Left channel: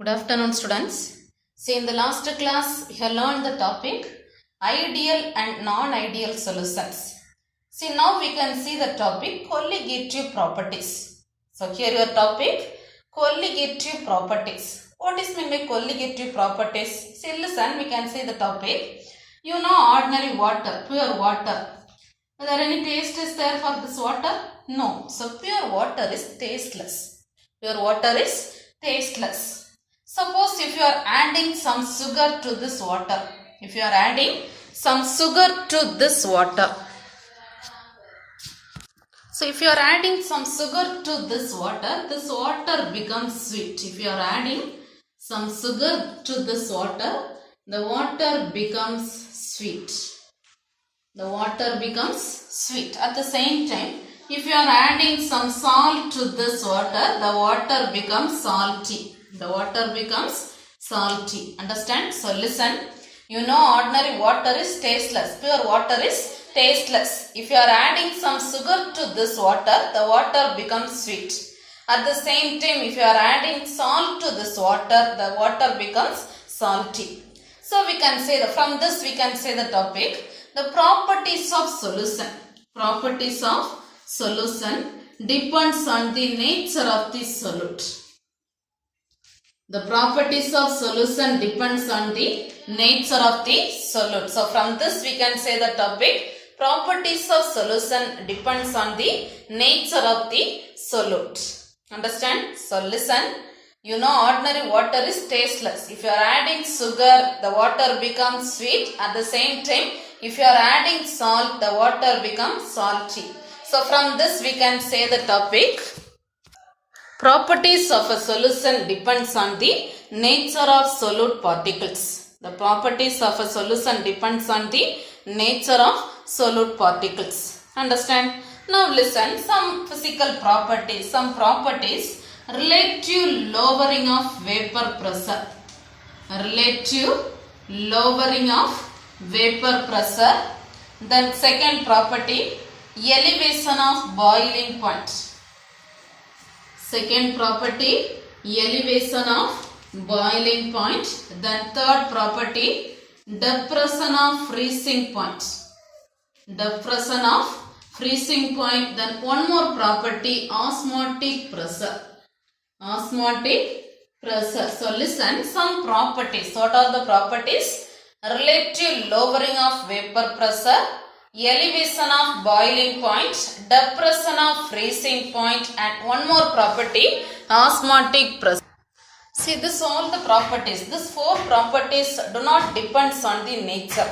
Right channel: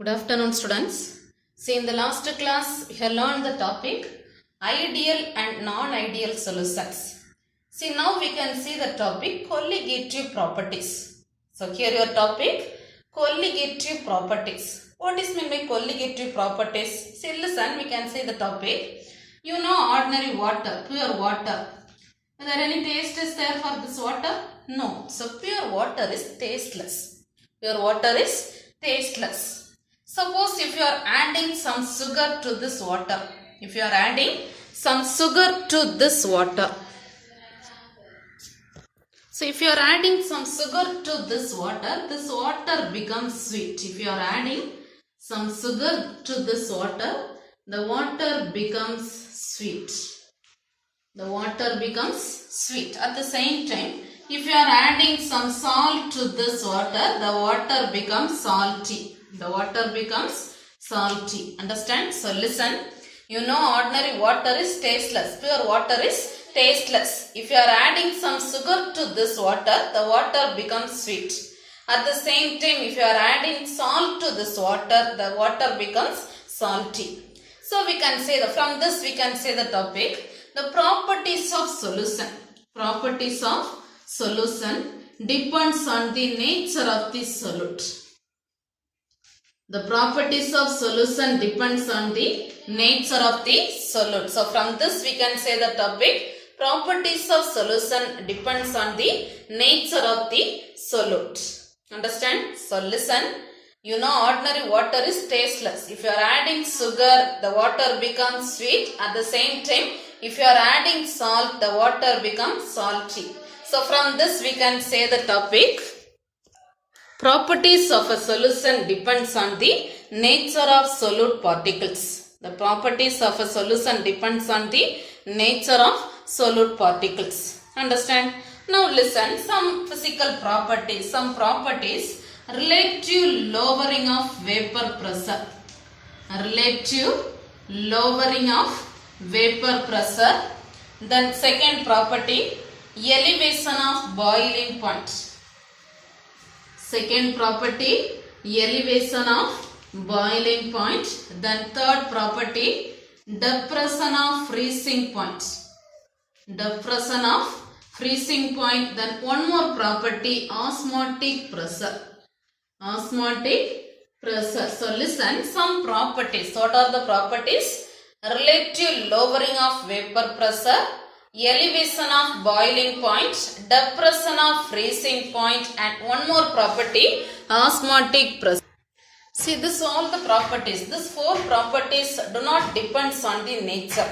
Good afternoon, students. See, in the last class, we have learned the topic ideal and non-ideal solutions. See, now we can see the topic colligative properties. So, here your topic colligative properties. What is meant by colligative properties? See, listen, we can see the topic. You know ordinary water, pure water. Is there any taste is there for this water? No. So, pure water is tasteless. Pure water is tasteless. Suppose if you are adding some sugar to this water. If you are adding some sugar to this water. So if you are adding some sugar to this water becomes sweet. If you are adding some sugar to this water, the water becomes sweet. The water becomes sweet. At the same time, if you are adding some salt to this water, the water becomes salty. The water becomes salty. Understand? So listen. You know ordinary water is tasteless. Pure water is tasteless. If you are adding some sugar to this water, the water becomes sweet. At the same time, if you are adding salt to this water, the water becomes salty. So we can say from this we can say the topic, the properties of solution. Properties of solution depends on the nature of the solute. The properties of solution depends on the nature of the solute. So from this we can say the topic, properties of solution depends on the nature of the solute. Understand? So listen, you know ordinary water is tasteless. If you are adding sugar, the water becomes sweet. At the same time, if you are adding salt, the water becomes salty. So from this we can say the topic, properties of a solution depends on the nature of solute particles. The properties of a solution depends on the nature of solute particles. Understand? Now listen, some physical properties, some properties relative lowering of vapor pressure. Relative lowering of vapor pressure. Then second property, elevation of boiling point. Second property, elevation of boiling point. Then third property, depression of freezing point. Depression of freezing point. Then one more property, osmotic pressure. Osmotic pressure. So listen, some properties. What are the properties? Relative lowering of vapor pressure, elevation of boiling point, depression of freezing point, and one more property, osmotic pressure. See, this all the properties. These four properties do not depend on the nature.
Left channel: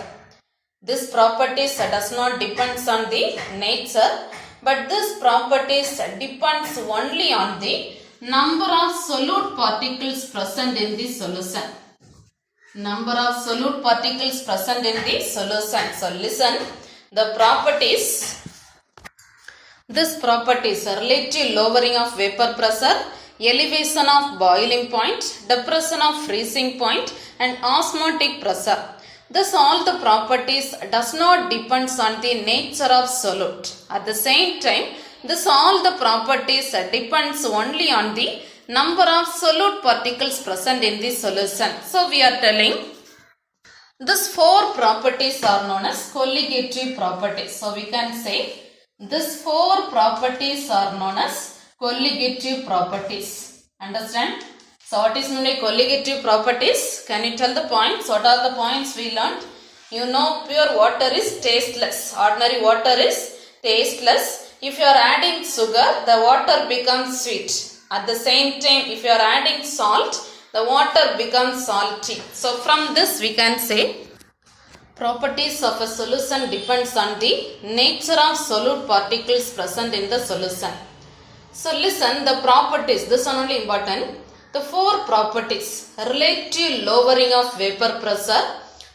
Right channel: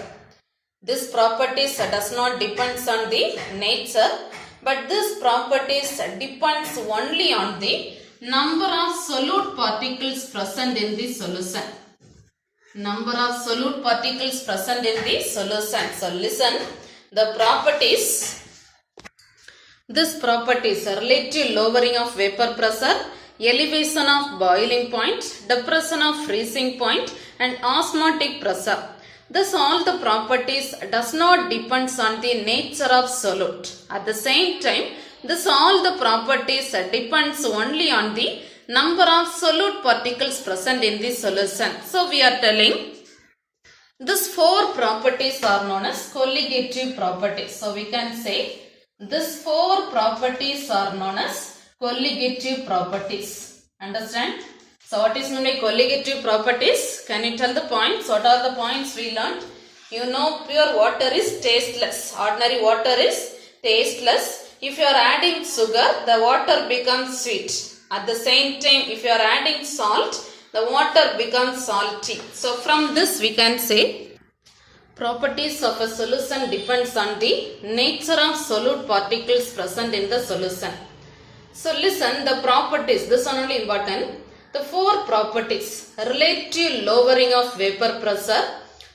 This properties does not depend on the nature, but this properties depends only on the number of solute particles present in the solution. Number of solute particles present in the solution. So listen. The properties, this properties are relative lowering of vapor pressure, elevation of boiling point, depression of freezing point, and osmotic pressure. Thus all the properties does not depend on the nature of solute. At the same time, this all the properties depends only on the number of solute particles present in the solution. So we are telling, these four properties are known as colligative properties. So we can say these four properties are known as colligative properties. Understand? So what is meant by colligative properties? Can you tell the points? What are the points we learned? You know pure water is tasteless. Ordinary water is tasteless. If you are adding sugar, the water becomes sweet. At the same time, if you are adding salt, the water becomes salty. So from this we can say, properties of a solution depends on the nature of solute particles present in the solution. So listen, the properties, this one only important. The four properties, relative lowering of vapor pressure,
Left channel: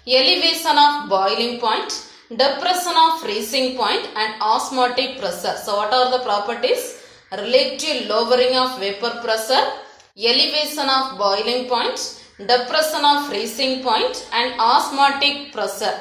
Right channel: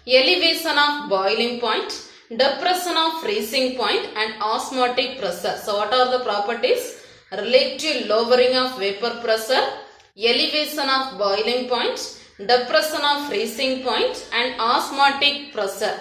elevation of boiling point, depression of freezing point, and osmotic pressure. So what are the properties? Relative lowering of vapor pressure, elevation of boiling point, depression of freezing point, and osmotic pressure.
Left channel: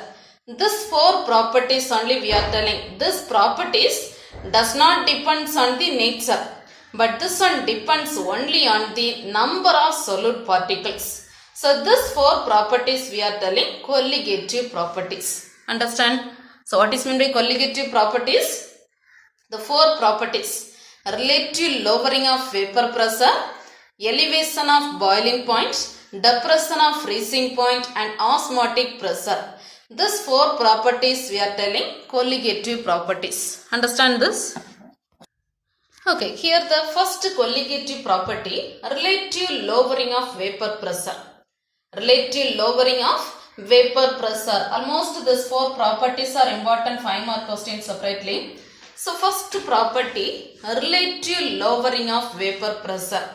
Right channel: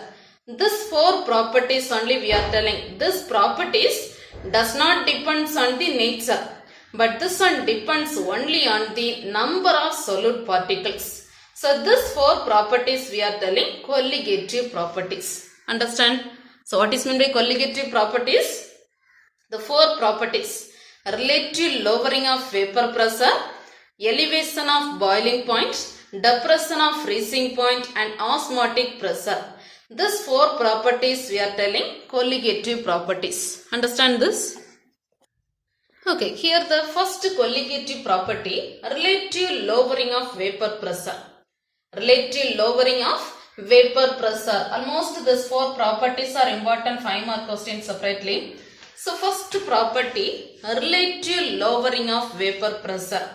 These four properties only we are telling. These properties does not depend on the nature. but this one depends only on the number of solute particles. So these four properties we are telling colligative properties. Understand? So what is meant by colligative properties? The four properties: relative lowering of vapor pressure, elevation of boiling point, depression of freezing point, and osmotic pressure. These four properties we are telling colligative properties. Understand this? Okay, here the first colligative property, relative lowering of vapor pressure. Relative lowering of vapor pressure. Almost these four properties are important 5 mark questions separately. So first property, relative lowering of vapor pressure.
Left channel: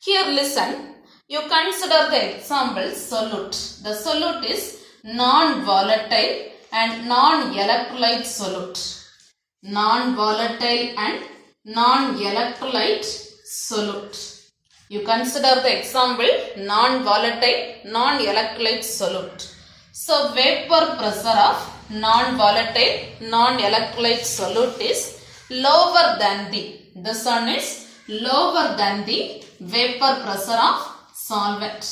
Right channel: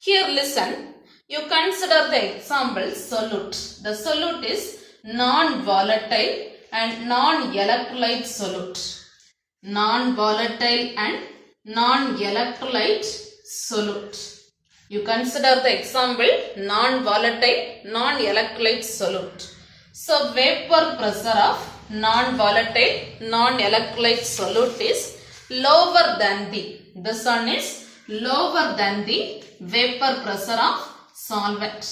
Here listen, you consider the example solute. The solute is non-volatile and non-electrolyte solute. Non-volatile and non-electrolyte solute. You consider the example non-volatile, non-electrolyte solute. So vapor pressure of non-volatile, non-electrolyte solute is lower than this one is lower than the vapor pressure of solvent.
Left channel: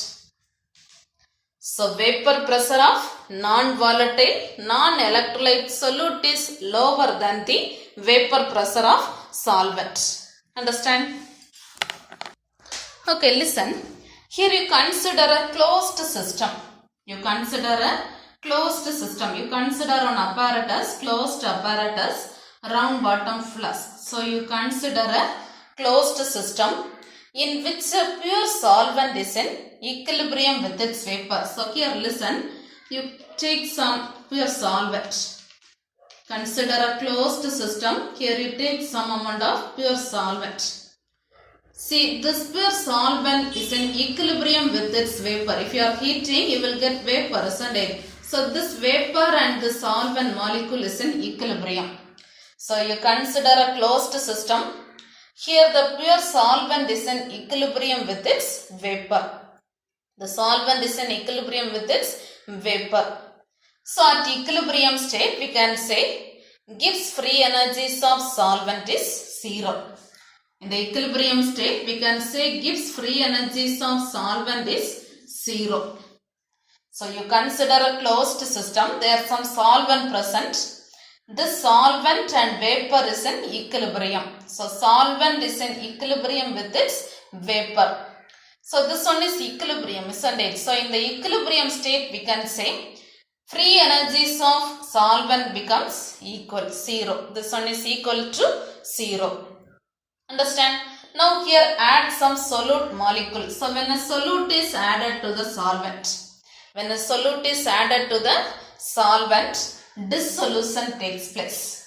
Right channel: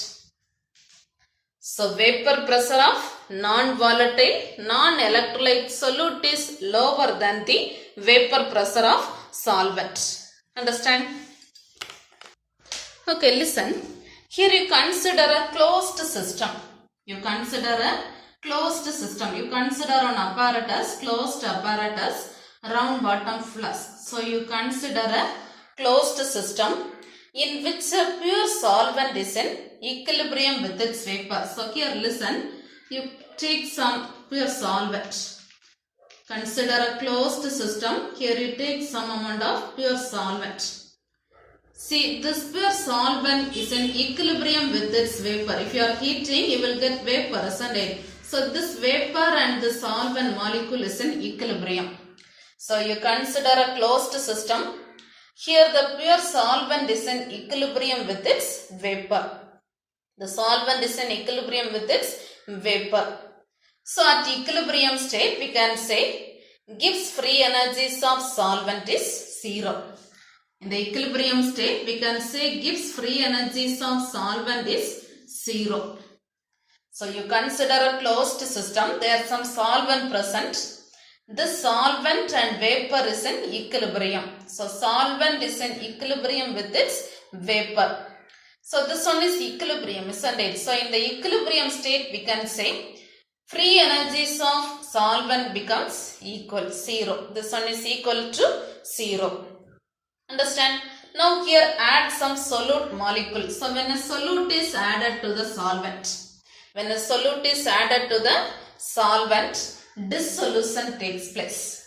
So vapor pressure of non-volatile, non-electrolyte solute is lower than the vapor pressure of solvent. Understand? Okay, listen. Here you consider a closed system. You consider a closed system. You consider an apparatus, closed apparatus, round bottom flask. So you consider a closed system in which a pure solvent is in equilibrium with its vapor. So here listen, you take some pure solvent. Consider a closed system. Here you take some amount of pure solvent. See, this pure solvent is in equilibrium with its vapor. If you are heating, you will get vapor, isn't it? So this vapor and the solvent molecule is in equilibrium. So you consider a closed system. Here the pure solvent is in equilibrium with its vapor. The solvent is in equilibrium with its vapor. So at equilibrium state we can say Gibbs free energies of solvent is 0. In the equilibrium state we can say Gibbs free energies of solvent is 0. So you consider a closed system. There are some solvent present. This solvent and vapor is in equilibrium. So solvent is in equilibrium with its vapor. So this one is equilibrium, isn't it? So in the equilibrium state we can say free energies of solvent becomes equal 0. This one is equal to 0. Understand? Now here add some solute molecule. So when a solute is added to the solvent, dissolution takes place.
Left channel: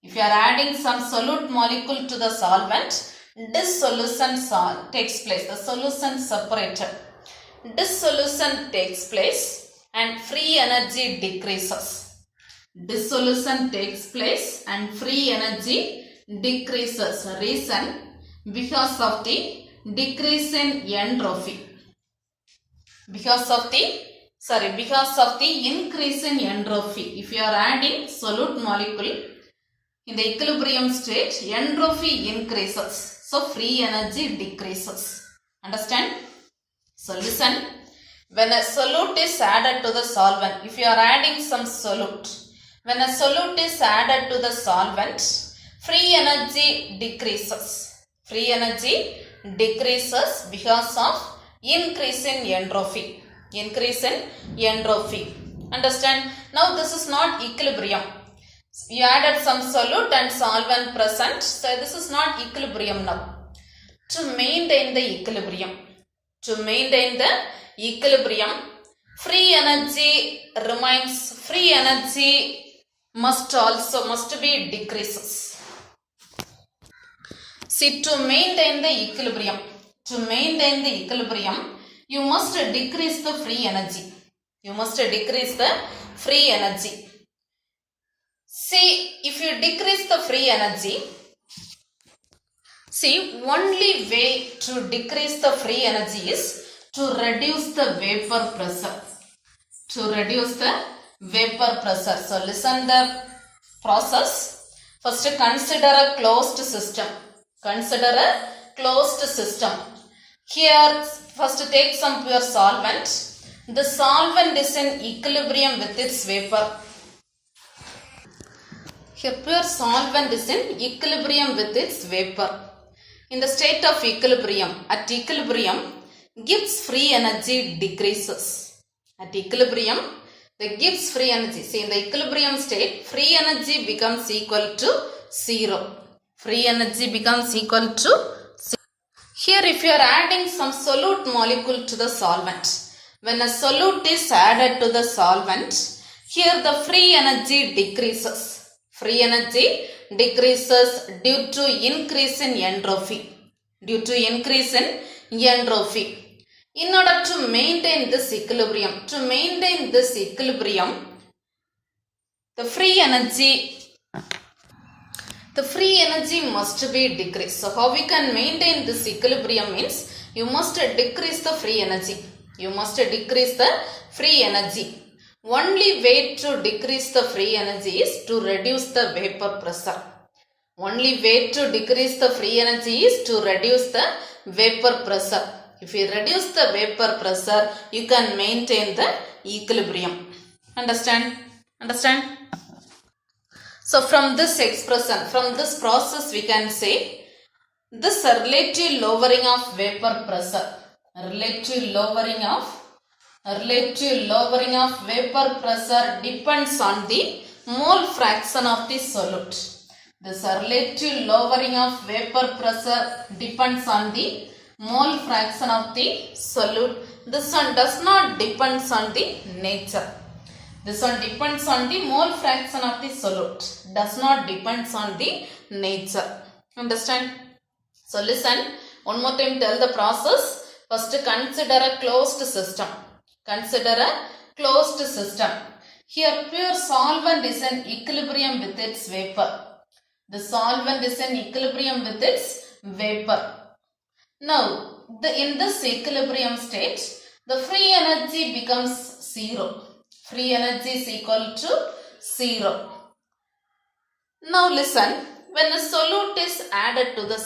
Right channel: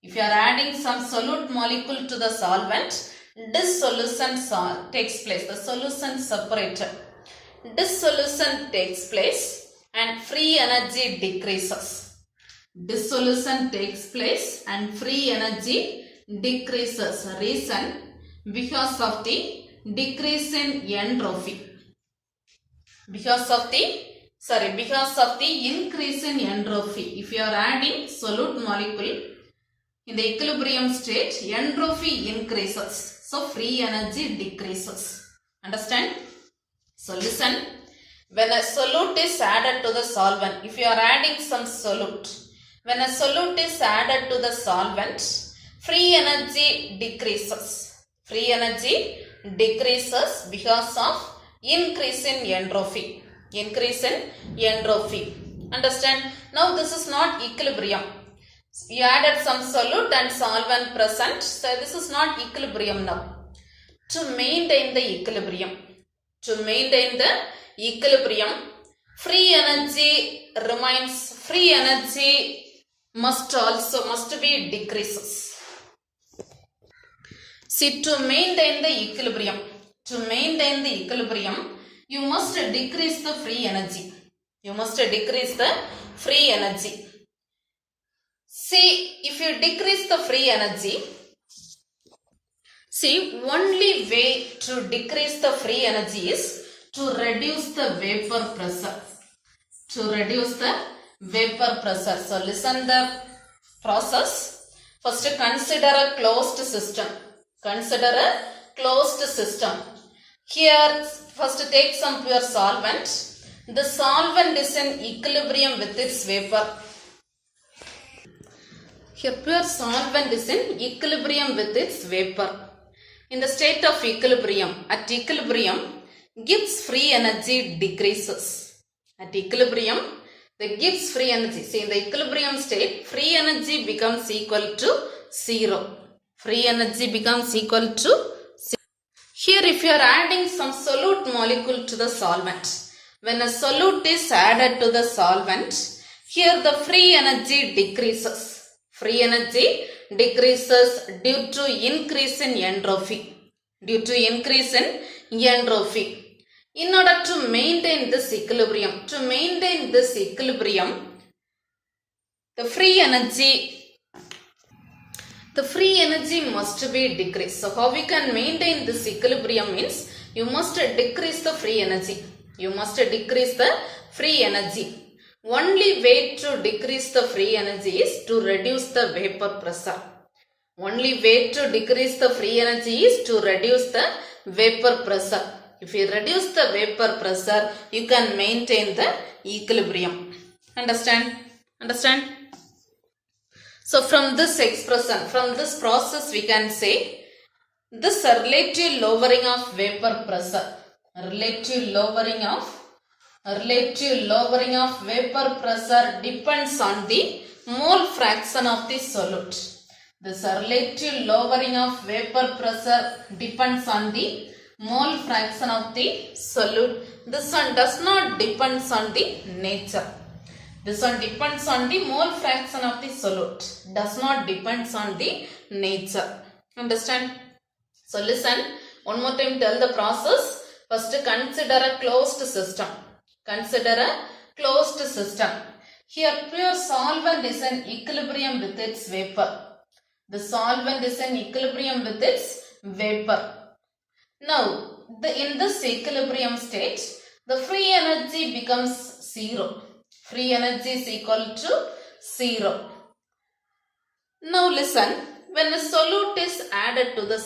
If you are adding some solute molecule to the solvent, dissolution takes place. The solution separated. Dissolution takes place and free energy decreases. Dissolution takes place and free energy decreases. Reason? Because of the decrease in entropy. Because of the increase in entropy. If you are adding solute molecule in the equilibrium state, entropy increases. So free energy decreases. Understand? So listen. When a solute is added to the solvent, if you are adding some solute, when a solute is added to the solvent, free energy decreases. Free energy decreases because of increase in entropy. Increase in entropy. Understand? Now this is not equilibrium. You added some solute and solvent present. So this is not equilibrium now. To maintain the equilibrium. Free energy remains. Free energy must be decreases. See, to maintain the equilibrium, you must decrease the free energy. See, if you decrease the free energy, only way to decrease the free energy is to reduce the vapor pressure. So listen the process. First consider a closed system. Consider a closed system. Here, first take some pure solvent. The solvent is in equilibrium with its vapor. Here, pure solvent is in equilibrium with its vapor. In the state of equilibrium, at equilibrium, Gibbs free energy decreases. At equilibrium, the Gibbs free energy. See, in the equilibrium state, free energy becomes equal to 0. Free energy becomes equal to 0. Here, if you are adding some solute molecule to the solvent, when a solute is added to the solvent, here the free energy decreases. Free energy decreases due to increase in entropy. Due to increase in entropy. In order to maintain this equilibrium, the free energy must be decreased. So how we can maintain this equilibrium means you must decrease the free energy. You must decrease the free energy. Only way to decrease the free energy is to reduce the vapor pressure. Only way to decrease the free energy is to reduce the vapor pressure. If you reduce the vapor pressure, you can maintain the equilibrium. Understand? So from this expression, from this process, we can say this relative lowering of vapor pressure. Relative lowering of vapor pressure depends on the mole fraction of the solute. This relative lowering of vapor pressure depends on the mole fraction of the solute. This one does not depend on the nature. This one depends on the mole fraction of the solute. Does not depend on the nature. Understand? So listen. One more time tell the process. First consider a closed system. Consider a closed system. Here pure solvent is in equilibrium with its vapor. The solvent is in equilibrium with its vapor. Now, in this equilibrium state, the free energy becomes 0. Free energy is equal to 0. Now listen, when a solute is added to the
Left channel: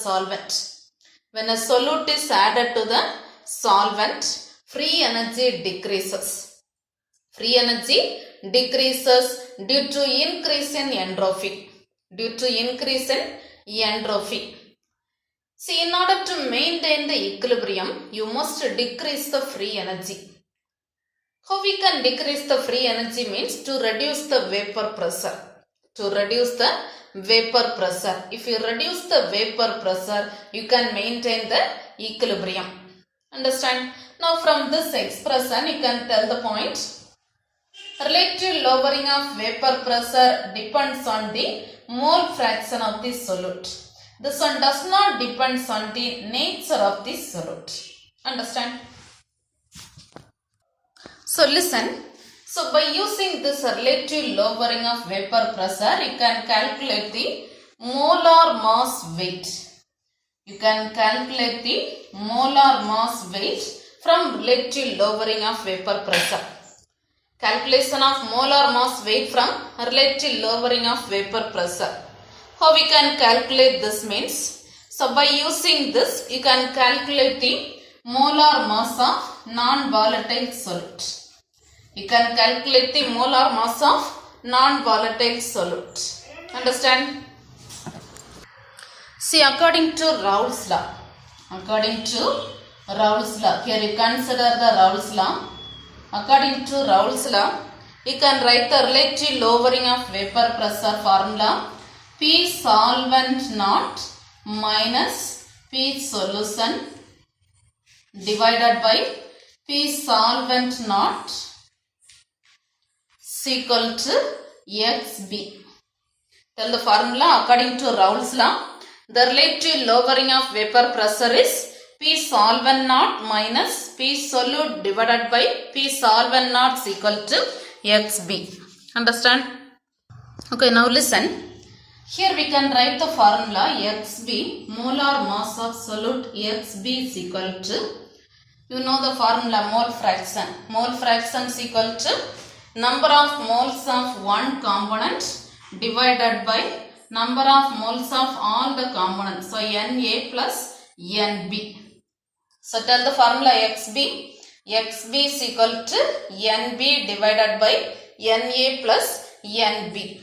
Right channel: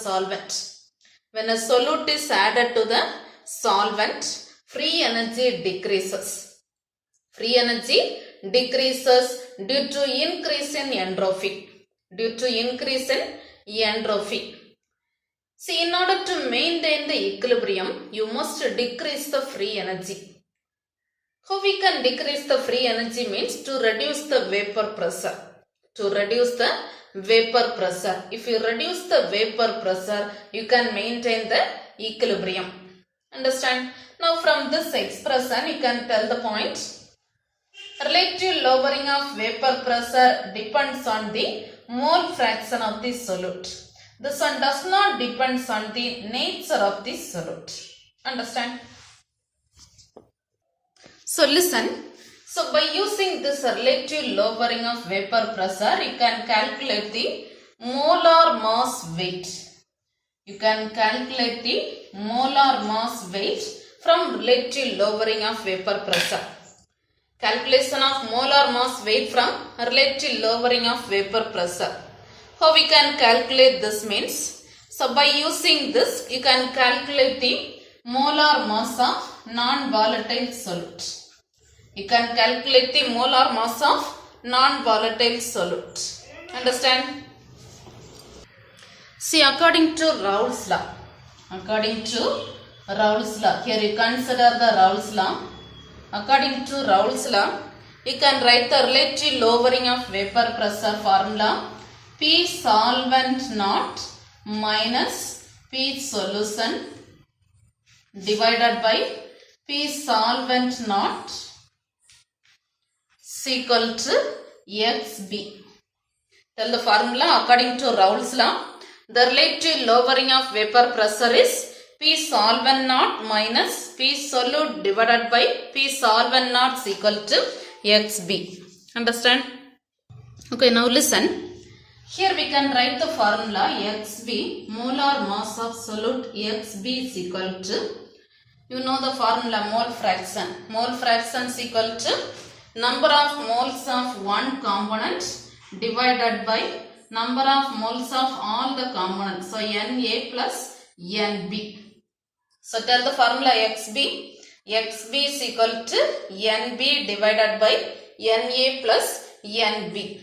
solvent, free energy decreases. Free energy decreases due to increase in entropy. See, in order to maintain the equilibrium, you must decrease the free energy. How we can decrease the free energy means to reduce the vapor pressure. If you reduce the vapor pressure, you can maintain the equilibrium. Understand? Now from this expression, you can tell the point. Relative lowering of vapor pressure depends on the mole fraction of the solute. This one does not depend on the nature of the solute. Understand? So listen. So by using this relative lowering of vapor pressure, you can calculate the molar mass weight. From relative lowering of vapor pressure. Calculation of molar mass weight from relative lowering of vapor pressure. How we can calculate this means, so by using this, you can calculate the molar mass of non-volatile solute. Understand? See, according to Raoult's law, here you consider the Raoult's law. According to Raoult's law, you can write the relative lowering of vapor pressure formula. P solvent naught minus P solution divided by P solvent naught is equal to XB. Tell the formula according to Raoult's law. The relative lowering of vapor pressure is P solvent naught minus P solute divided by P solvent naught is equal to XB. Understand? Okay, now listen. Here we can write the formula XB, molar mass of solute XB is equal to, you know the formula mole fraction. Mole fraction is equal to number of moles of one component divided by number of moles of all the components. So Na plus Nb. So tell the formula XB. XB is equal to Nb divided by Na plus Nb.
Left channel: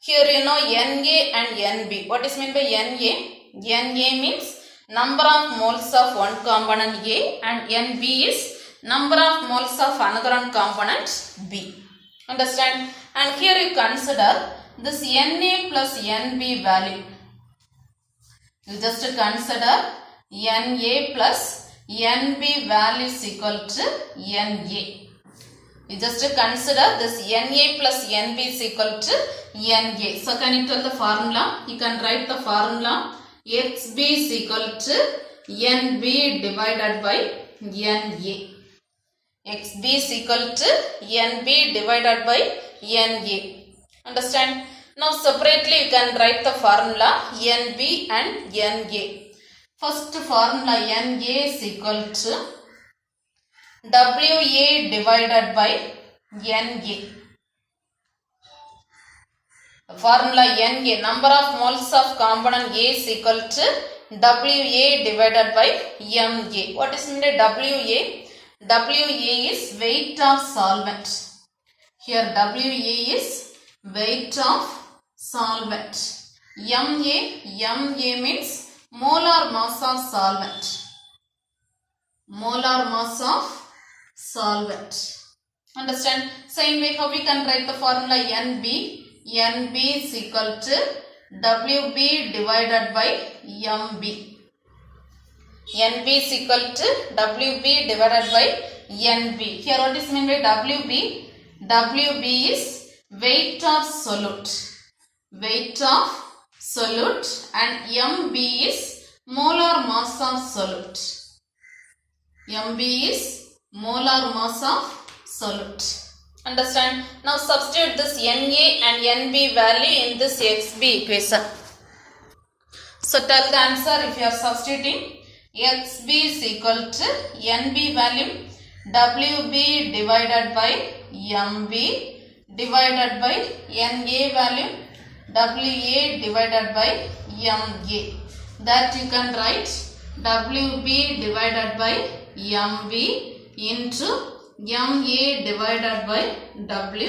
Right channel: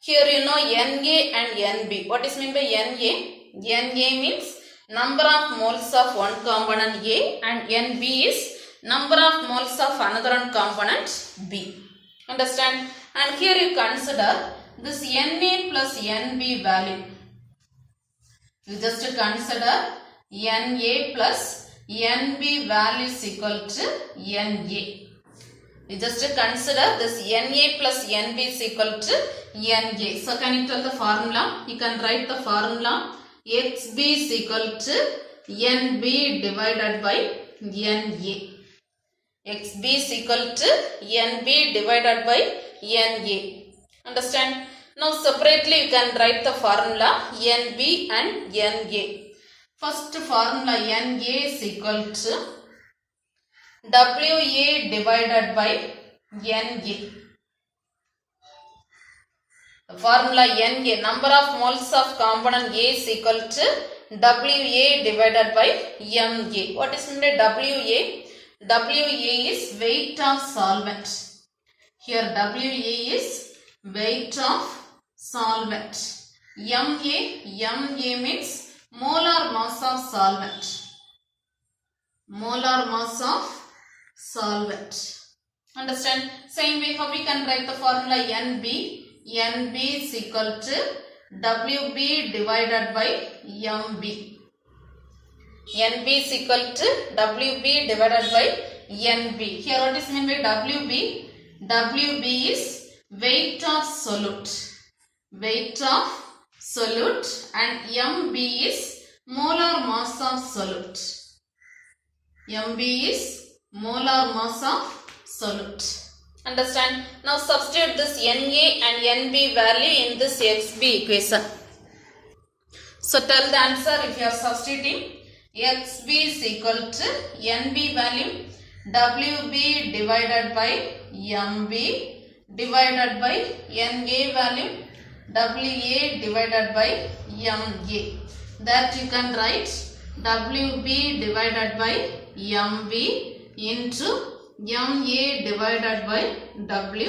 Here you know Na and Nb. What is meant by Na? Na means number of moles of one component A, and Nb is number of moles of another one component B. Understand? And here you consider this Na plus Nb value. You just consider Na plus Nb value is equal to Na. You just consider this Na plus Nb is equal to Na. So can you tell the formula? You can write the formula. XB is equal to Nb divided by Na. XB is equal to Nb divided by Na. Understand? Now separately you can write the formula Nb and Na. First formula Na is equal to Wa divided by Na. Formula Na, number of moles of component A is equal to Wa divided by Ma. What is meant by Wa? Wa is weight of solvent. Here Wa is weight of solvent. Ma means molar mass of solvent. Molar mass of solvent. Understand? Same way how we can write the formula Nb. Nb is equal to Wb divided by Mb. Nb is equal to Wb divided by Nb. Here what is meant by Wb? Wb is weight of solute. Weight of solute, and Mb is molar mass of solute. Mb is molar mass of solute. Understand? Now substitute this Na and Nb value in this XB equation. So tell the answer if you are substituting. XB is equal to Nb value Wb divided by Mb divided by Na value Wa divided by Ma. That you can write Wb divided by Mb into Ma divided by Wa.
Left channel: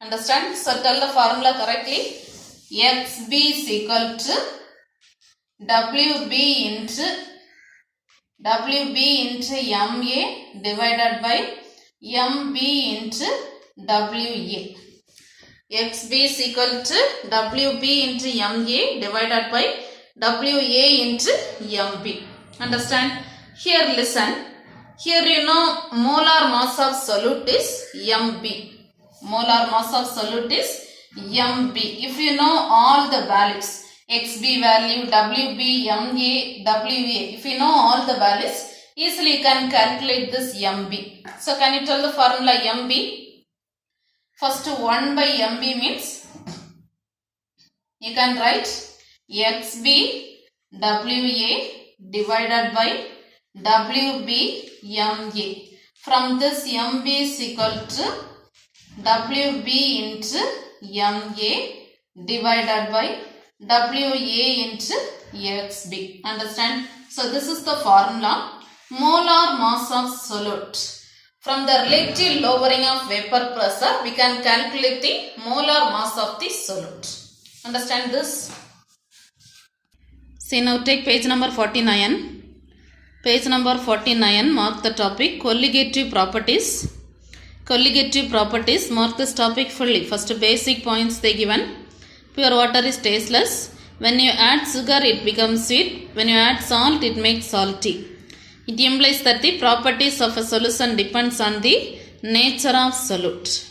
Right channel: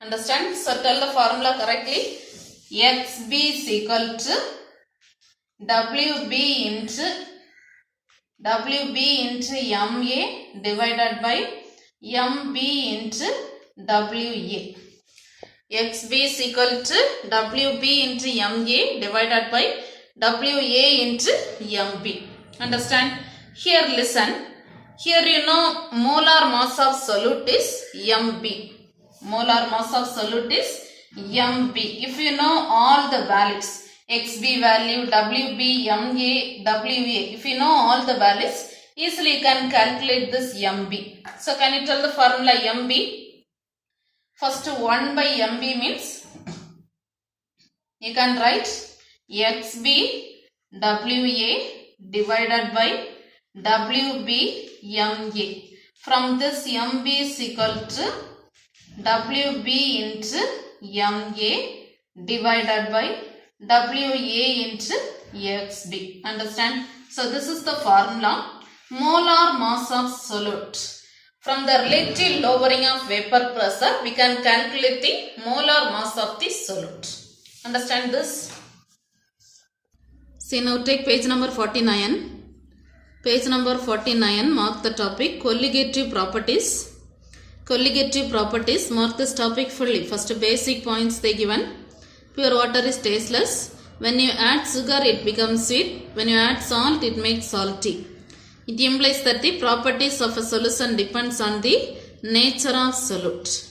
Understand? So tell the formula correctly. XB is equal to Wb into Ma divided by Mb into Wa. XB is equal to Wb into Ma divided by Wa into Mb. Understand? Here listen. Here you know molar mass of solute is Mb. Molar mass of solute is Mb. If you know all the values, XB value, Wb, Ma, Wa, if you know all the values, easily you can calculate this Mb. So can you tell the formula Mb? First 1 by Mb means you can write XB Wa divided by Wb Ma. From this Mb is equal to Wb into Ma divided by Wa into Xb. Understand? So this is the formula. Molar mass of solute. From the relative lowering of vapor pressure, we can calculate the molar mass of the solute. Understand this? See, now take page number 49. Page number 49, mark the topic colligative properties. Colligative properties, mark this topic fully. First basic points they given. Pure water is tasteless. When you add sugar, it becomes sweet. When you add salt, it makes salty. It implies that the properties of a solution depends on the nature of solute.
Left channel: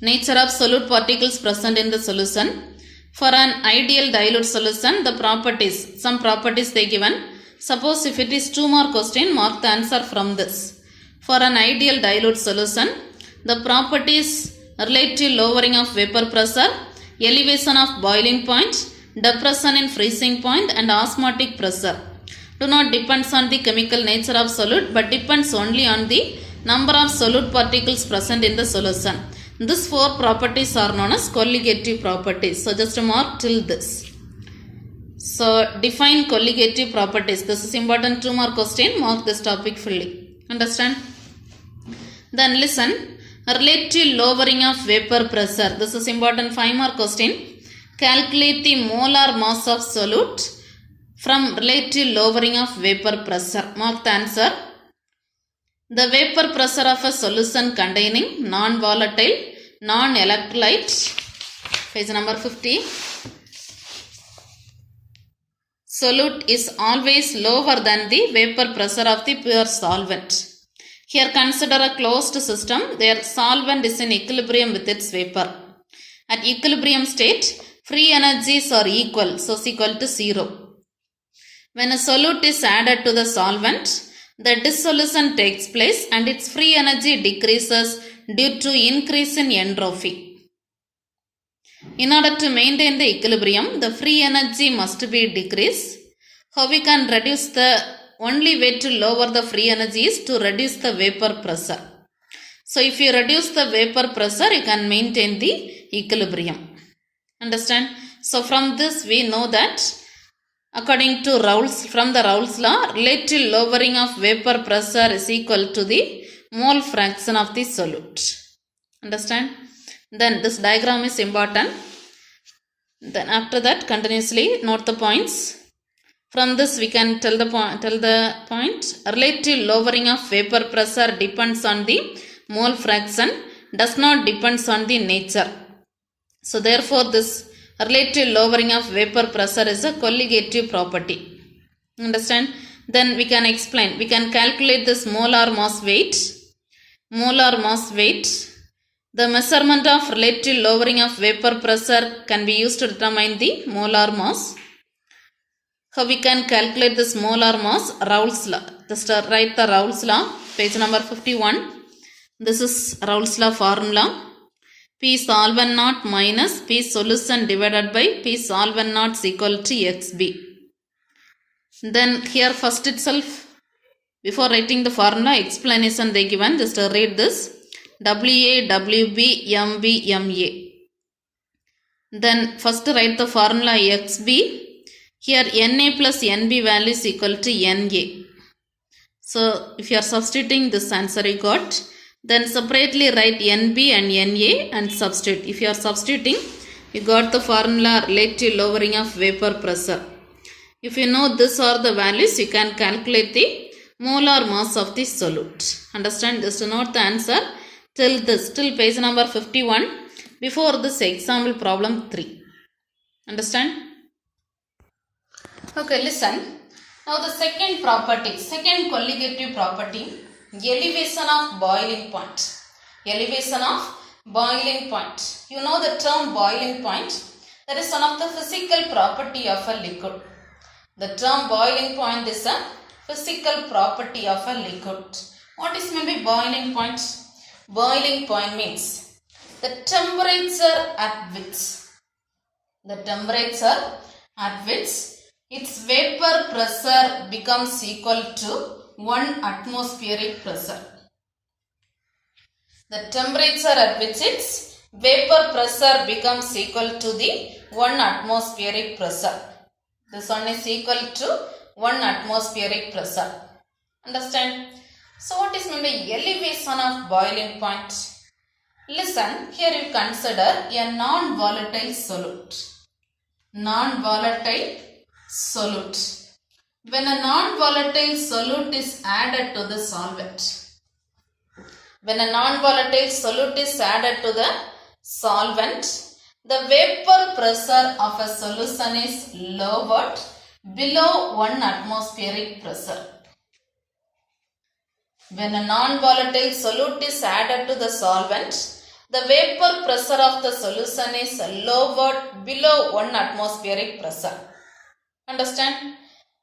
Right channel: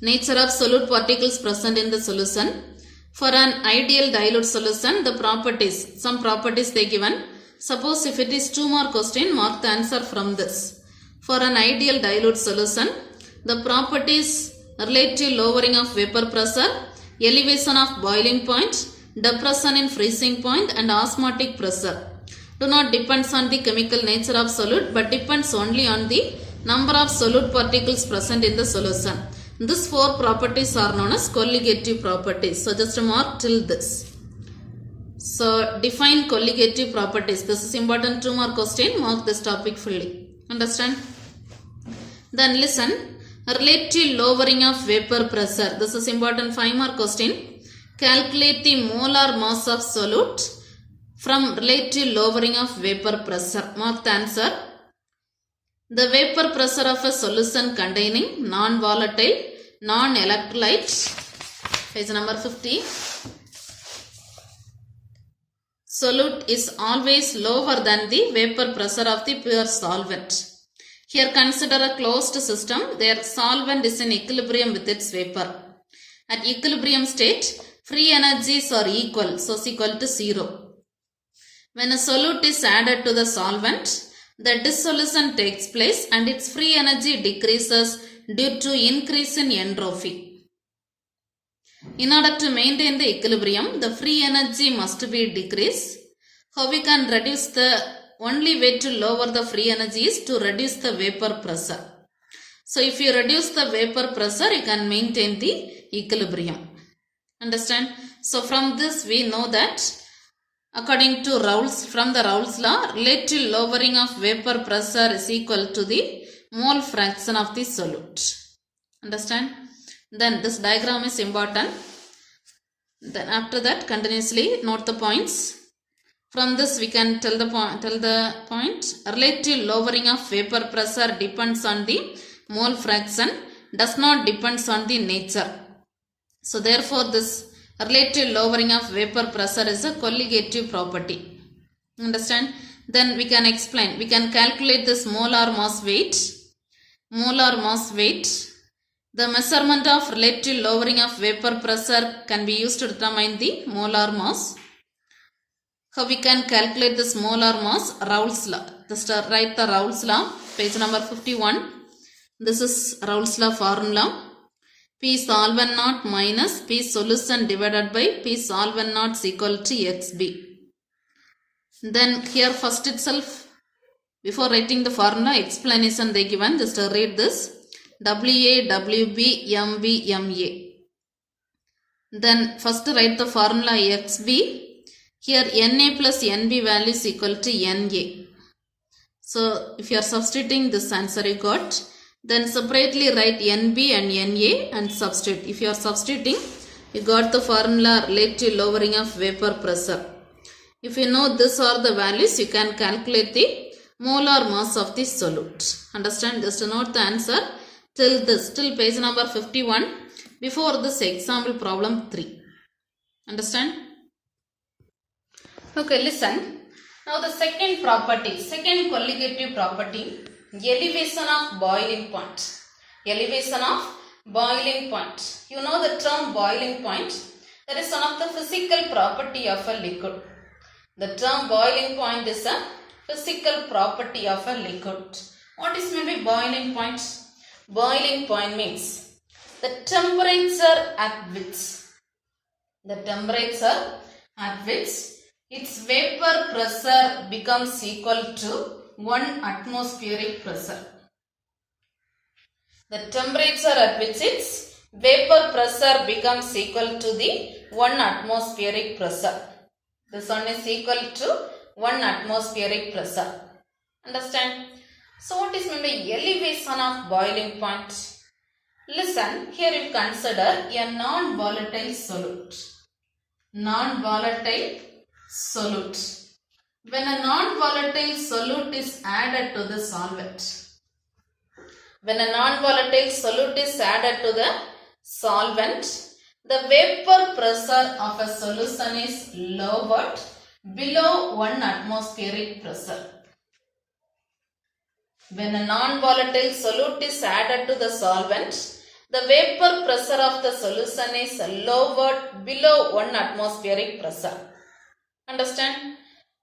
Nature of solute particles present in the solution. For an ideal dilute solution, the properties, some properties they given. Suppose if it is 2 more question, mark the answer from this. For an ideal dilute solution, the properties relative lowering of vapor pressure, elevation of boiling point, depression in freezing point, and osmotic pressure do not depend on the chemical nature of solute but depends only on the number of solute particles present in the solution. These 4 properties are known as colligative properties. So just mark till this. So define colligative properties. This is important 2 mark question. Mark this topic fully. Understand? Then listen. Relative lowering of vapor pressure. This is important 5 mark question. Calculate the molar mass of solute from relative lowering of vapor pressure. Mark the answer. The vapor pressure of a solution containing non-volatile, non-electrolyte, page number 50, solute is always lower than the vapor pressure of the pure solvent. Here consider a closed system. Their solvent is in equilibrium with its vapor. At equilibrium state, free energies are equal, so is equal to 0. When a solute is added to the solvent, the dissolution takes place and its free energy decreases due to increase in entropy. In order to maintain the equilibrium, the free energy must be decreased. How we can reduce the only way to lower the free energy is to reduce the vapor pressure. So if you reduce the vapor pressure, you can maintain the equilibrium. Understand? So from this we know that according to from the Raoult's law, relative lowering of vapor pressure is equal to the mole fraction of the solute. Understand? Then this diagram is important. Then after that continuously note the points. From this we can tell the point. Relative lowering of vapor pressure depends on the mole fraction, does not depends on the nature. So therefore this relative lowering of vapor pressure is a colligative property. Understand? Then we can explain. We can calculate this molar mass weight. Molar mass weight. The measurement of relative lowering of vapor pressure can be used to determine the molar mass. How we can calculate this molar mass? Raoult's law. Just write the Raoult's law. Page number 51. This is Raoult's law formula. P solvent naught minus P solution divided by P solvent naught is equal to XB. Then here first itself, before writing the formula, explanation they given. Just read this. WA, WB, MB, MA. Then first write the formula XB. Here Na plus Nb value is equal to Na. So if you are substituting this answer you got, then separately write Nb and Na and substitute. If you are substituting, you got the formula relative lowering of vapor pressure. If you know this are the values, you can calculate the molar mass of the solute. Understand? Just note the answer till this, till page number 51, before this example problem 3. Understand? Okay, listen. Now the second property, second colligative property, elevation of boiling point. Elevation of boiling point. You know the term boiling point. That is one of the physical property of a liquid. The term boiling point is a physical property of a liquid. What is meant by boiling point? Boiling point means the temperature at which its vapor pressure becomes equal to 1 atmospheric pressure. The temperature at which its vapor pressure becomes equal to the 1 atmospheric pressure. This one is equal to 1 atmospheric pressure. Understand? So what is meant by elevation of boiling point? Listen, here you consider a non-volatile solute. Non-volatile solute. When a non-volatile solute is added to the solvent, the vapor pressure of a solution is lowered below 1 atmospheric pressure. When a non-volatile solute is added to the solvent, the vapor pressure of the solution is lowered below 1 atmospheric pressure. Understand?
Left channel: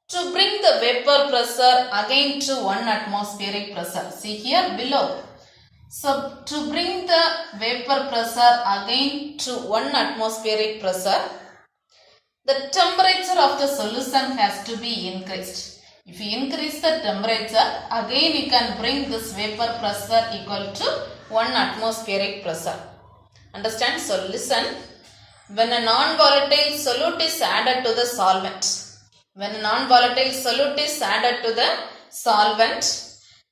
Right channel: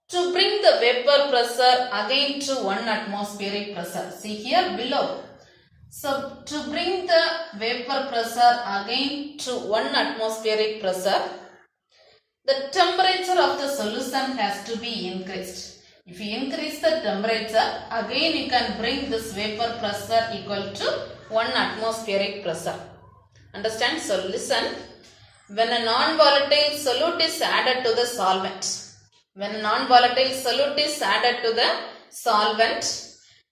To bring the vapor pressure again to 1 atmospheric pressure. See here below. So to bring the vapor pressure again to 1 atmospheric pressure, the temperature of the solution has to be increased. If you increase the temperature, again you can bring this vapor pressure equal to 1 atmospheric pressure. Understand? So listen. When a non-volatile solute is added to the solvent,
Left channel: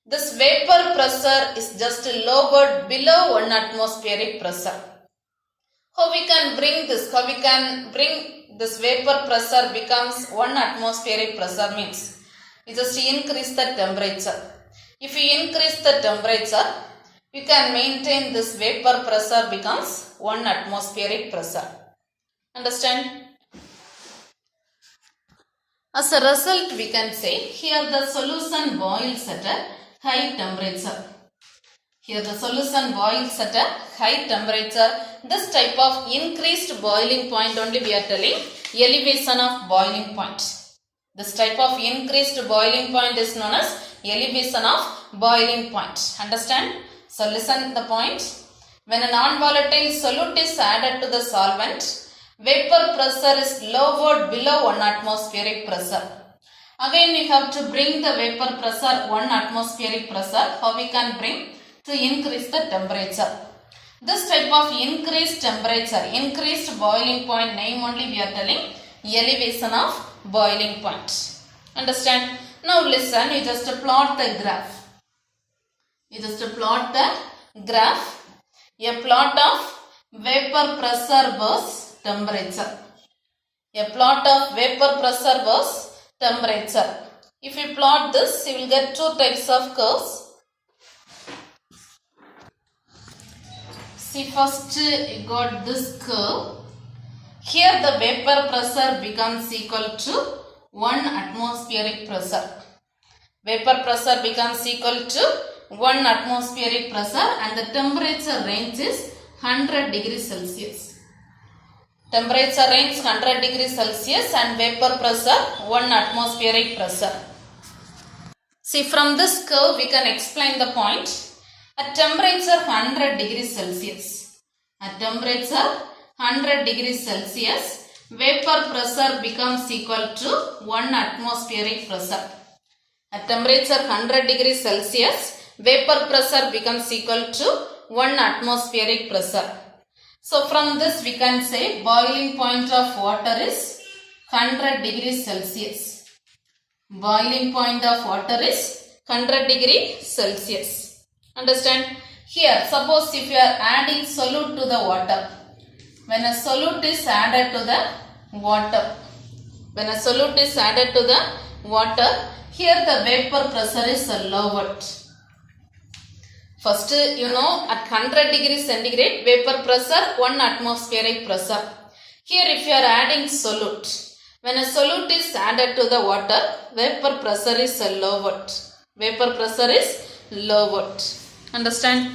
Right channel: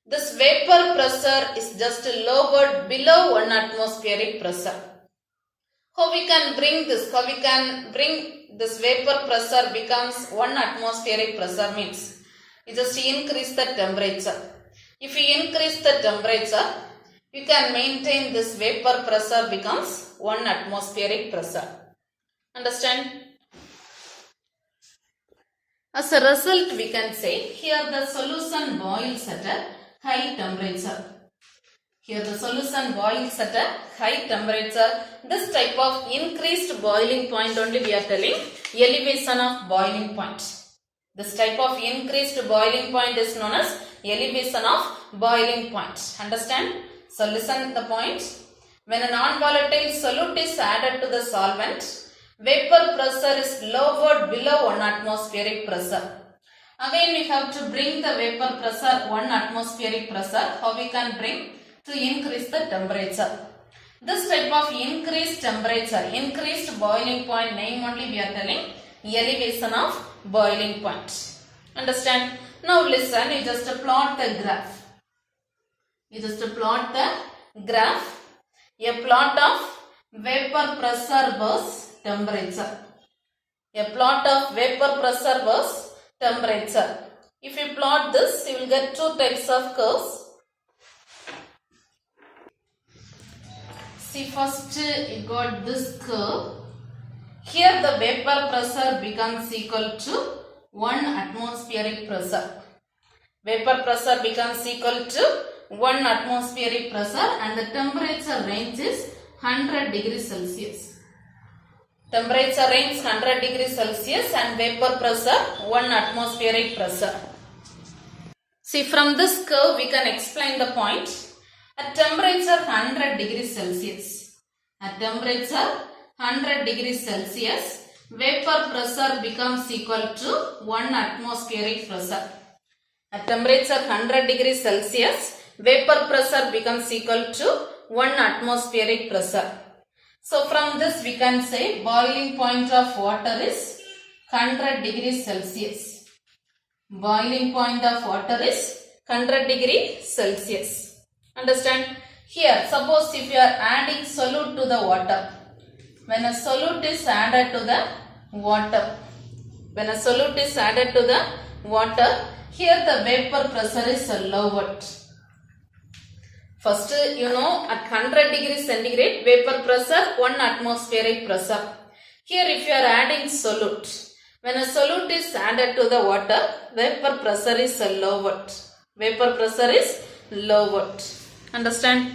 this vapor pressure is just lowered below 1 atmospheric pressure. How we can bring this? This vapor pressure becomes 1 atmospheric pressure means you just increase the temperature. If you increase the temperature, you can maintain this vapor pressure becomes 1 atmospheric pressure. Understand? As a result, we can say here the solution boils at a high temperature. This type of increased boiling point only we are telling elevation of boiling point. This type of increased boiling point is known as elevation of boiling point. Understand? So listen the point. When a non-volatile solute is added to the solvent, vapor pressure is lowered below 1 atmospheric pressure. Again we have to bring the vapor pressure 1 atmospheric pressure. How we can bring? To increase the temperature. This type of increased temperature, increased boiling point name only we are telling elevation of boiling point. Understand? Now listen, you just plot the graph. A plot of vapor pressure versus temperature. If you plot this, you will get two types of curves. See, first you got this curve. Here the vapor pressure becomes equal to 1 atmospheric pressure. Vapor pressure becomes equal to 1 atmospheric pressure and the temperature range is 100 degrees Celsius. Temperature range 100 degrees Celsius and vapor pressure 1 atmospheric pressure. See, from this curve we can explain the point. At temperature 100 degrees Celsius, vapor pressure becomes equal to 1 atmospheric pressure. At temperature 100 degrees Celsius, vapor pressure becomes equal to 1 atmospheric pressure. So from this we can say boiling point of water is 100 degrees Celsius. Boiling point of water is 100 degrees Celsius. Understand? Here, suppose if you are adding solute to the water, when a solute is added to the water, here the vapor pressure is lowered. First, you know, at 100 degrees centigrade, vapor pressure 1 atmospheric pressure. Here, if you are adding solute, when a solute is added to the water, vapor pressure is lowered. Understand?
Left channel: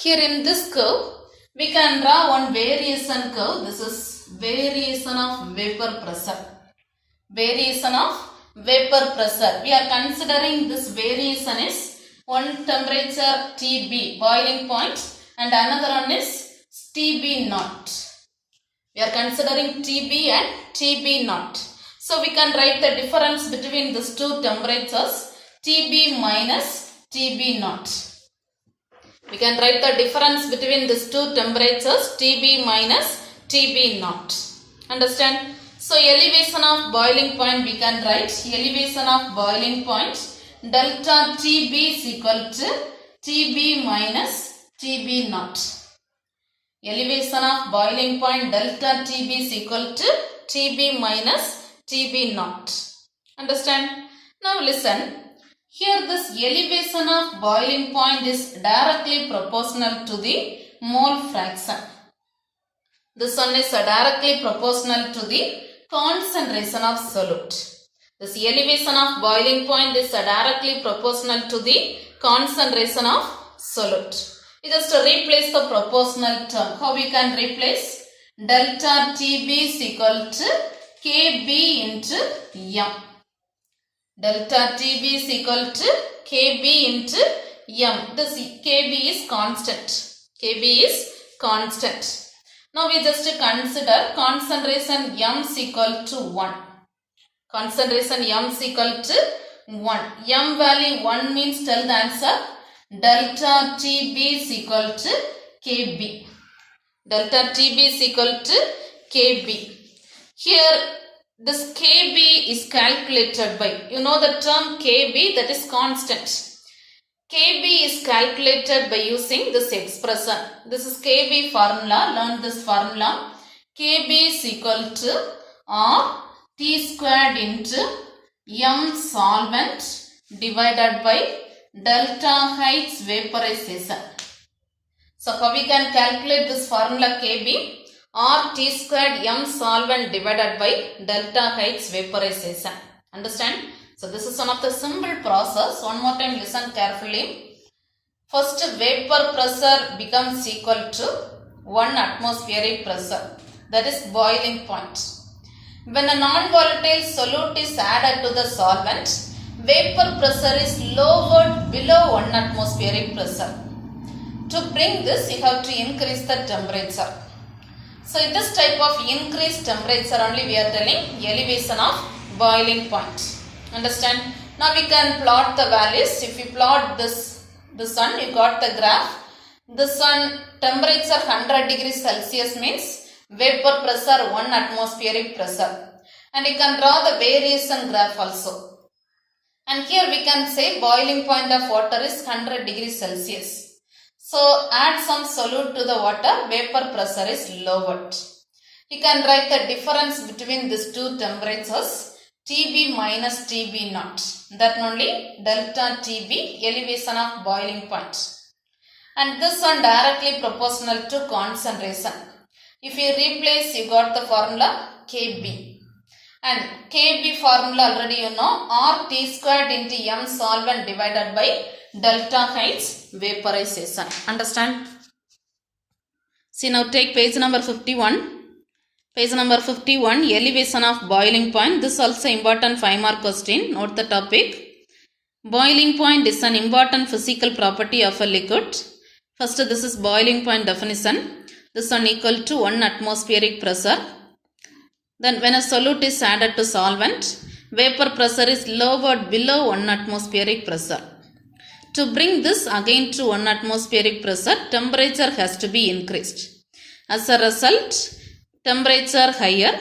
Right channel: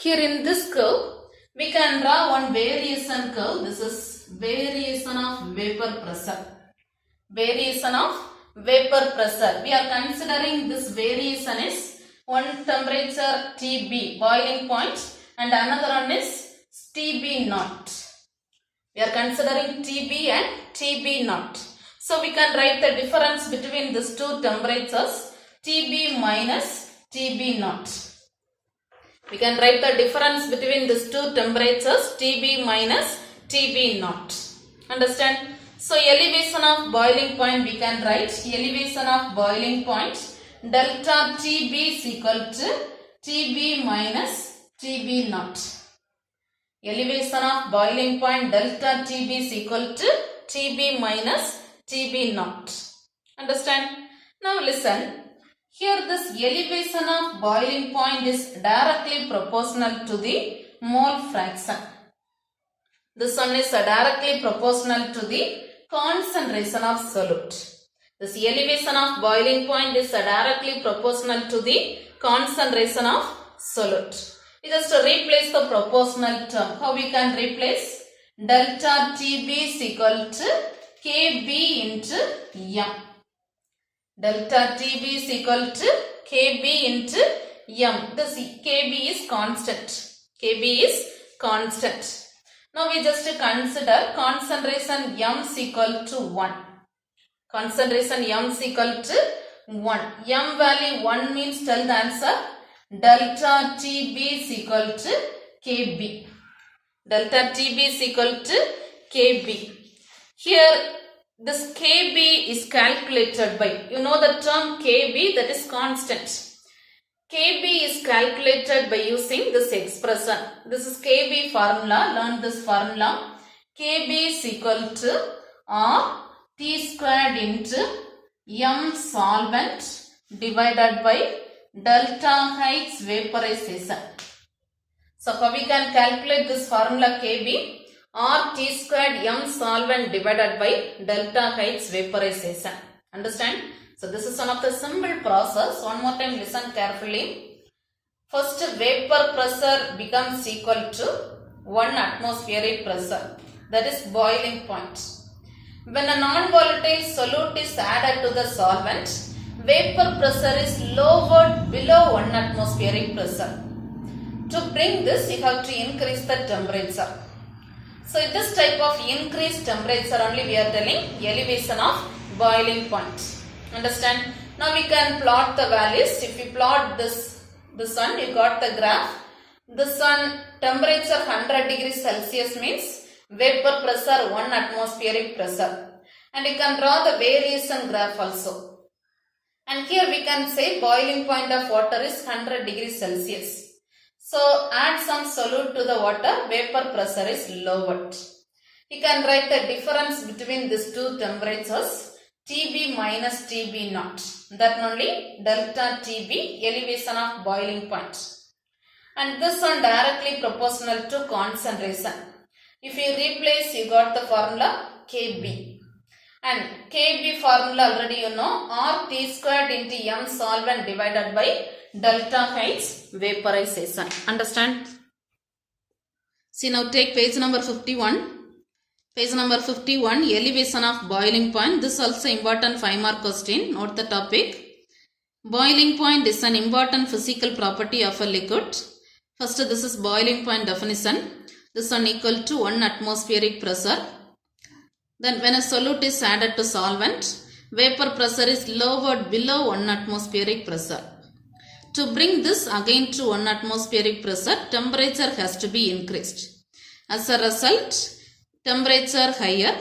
Here in this curve, we can draw one variation curve. This is variation of vapor pressure. We are considering this variation is one temperature TB, boiling point, and another one is TB naught. We are considering TB and TB naught. So we can write the difference between these two temperatures, TB minus TB naught. We can write the difference between these two temperatures, TB minus TB naught. Understand? So elevation of boiling point we can write elevation of boiling point delta TB is equal to TB minus TB naught. Elevation of boiling point delta TB is equal to TB minus TB naught. Understand? Now listen. Here this elevation of boiling point is directly proportional to the mole fraction. This one is directly proportional to the concentration of solute. This elevation of boiling point is directly proportional to the concentration of solute. We just replace the proportional term. How we can replace? Delta TB is equal to KB into M. Delta TB is equal to KB into M. This KB is constant. Now we just consider concentration M is equal to 1. M value 1 means tell the answer. Delta TB is equal to Kb. Delta Tb is equal to Kb. Here this Kb is calculated by, you know the term Kb, that is constant. Kb is calculated by using this expression. This is Kb formula. Learn this formula. Kb is equal to R T squared into M solvent divided by delta H vaporization. So how we can calculate this formula Kb? R T squared M solvent divided by delta H vaporization. Understand? So this is one of the simple process. One more time listen carefully. First vapor pressure becomes equal to 1 atmospheric pressure. That is boiling point. When a non-volatile solute is added to the solvent, vapor pressure is lowered below 1 atmospheric pressure. To bring this, you have to increase the temperature. So this type of increased temperature only we are telling elevation of boiling point. Understand? Now we can plot the values. If you plot this one, you got the graph. This one temperature 100 degrees Celsius means vapor pressure 1 atmospheric pressure. And you can draw the variation graph also. And here we can say boiling point of water is 100 degrees Celsius. So add some solute to the water, vapor pressure is lowered. You can write the difference between these two temperatures, Tb minus Tb naught. That only delta Tb, elevation of boiling point. And this one directly proportional to concentration. If you replace, you got the formula Kb. And Kb formula already you know, RT squared into M solvent divided by delta H vaporization. Understand? See, now take page number 51. Page number 51, elevation of boiling point. This also important 5-mark question. Note the topic. Boiling point is an important physical property of a liquid. First, this is boiling point definition. This one equal to 1 atmospheric pressure. Then when a solute is added to solvent, vapor pressure is lowered below 1 atmospheric pressure. To bring this again to 1 atmospheric pressure, temperature has to be increased. As a result, temperature higher.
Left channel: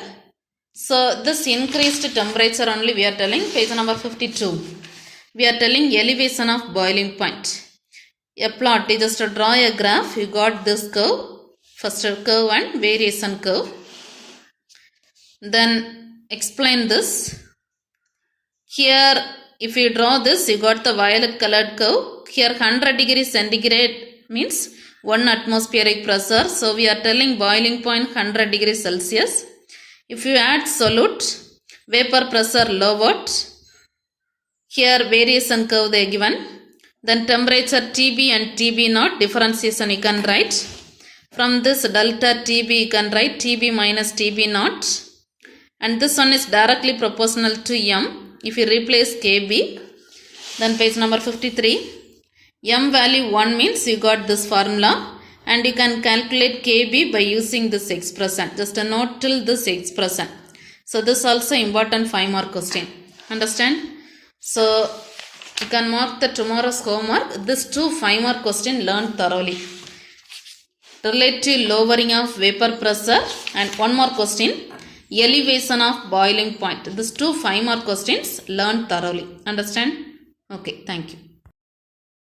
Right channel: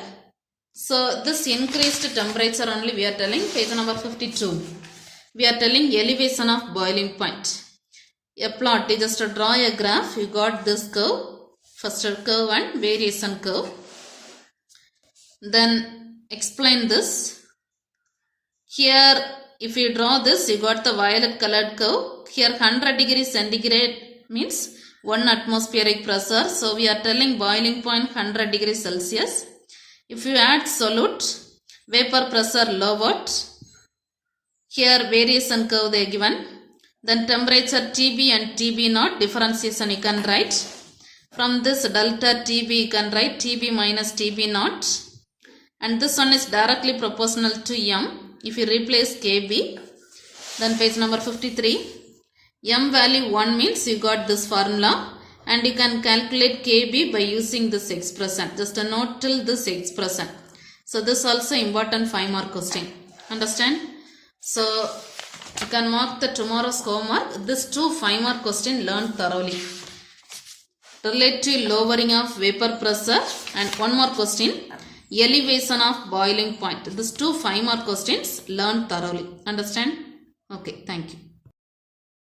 So this increased temperature only we are telling, page number 52. We are telling elevation of boiling point. A plot, you just draw a graph, you got this curve. First curve and variation curve. Then explain this. Here if you draw this, you got the violet colored curve. Here 100 degrees centigrade means 1 atmospheric pressure. So we are telling boiling point 100 degrees Celsius. If you add solute, vapor pressure lowered. Here variation curve they are given. Then temperature Tb and Tb naught, differentiation you can write. From this delta Tb you can write Tb minus Tb naught. And this one is directly proportional to M. If you replace Kb, then page number 53, M value 1 means you got this formula and you can calculate Kb by using this expression. Just a note till this expression. So this also important 5-mark question. Understand? So you can mark the tomorrow's homework. This 2 5-mark question learn thoroughly. Relative lowering of vapor pressure and 1 more question. Elevation of boiling point. These 2 5-mark questions learn thoroughly. Understand? Okay, thank you.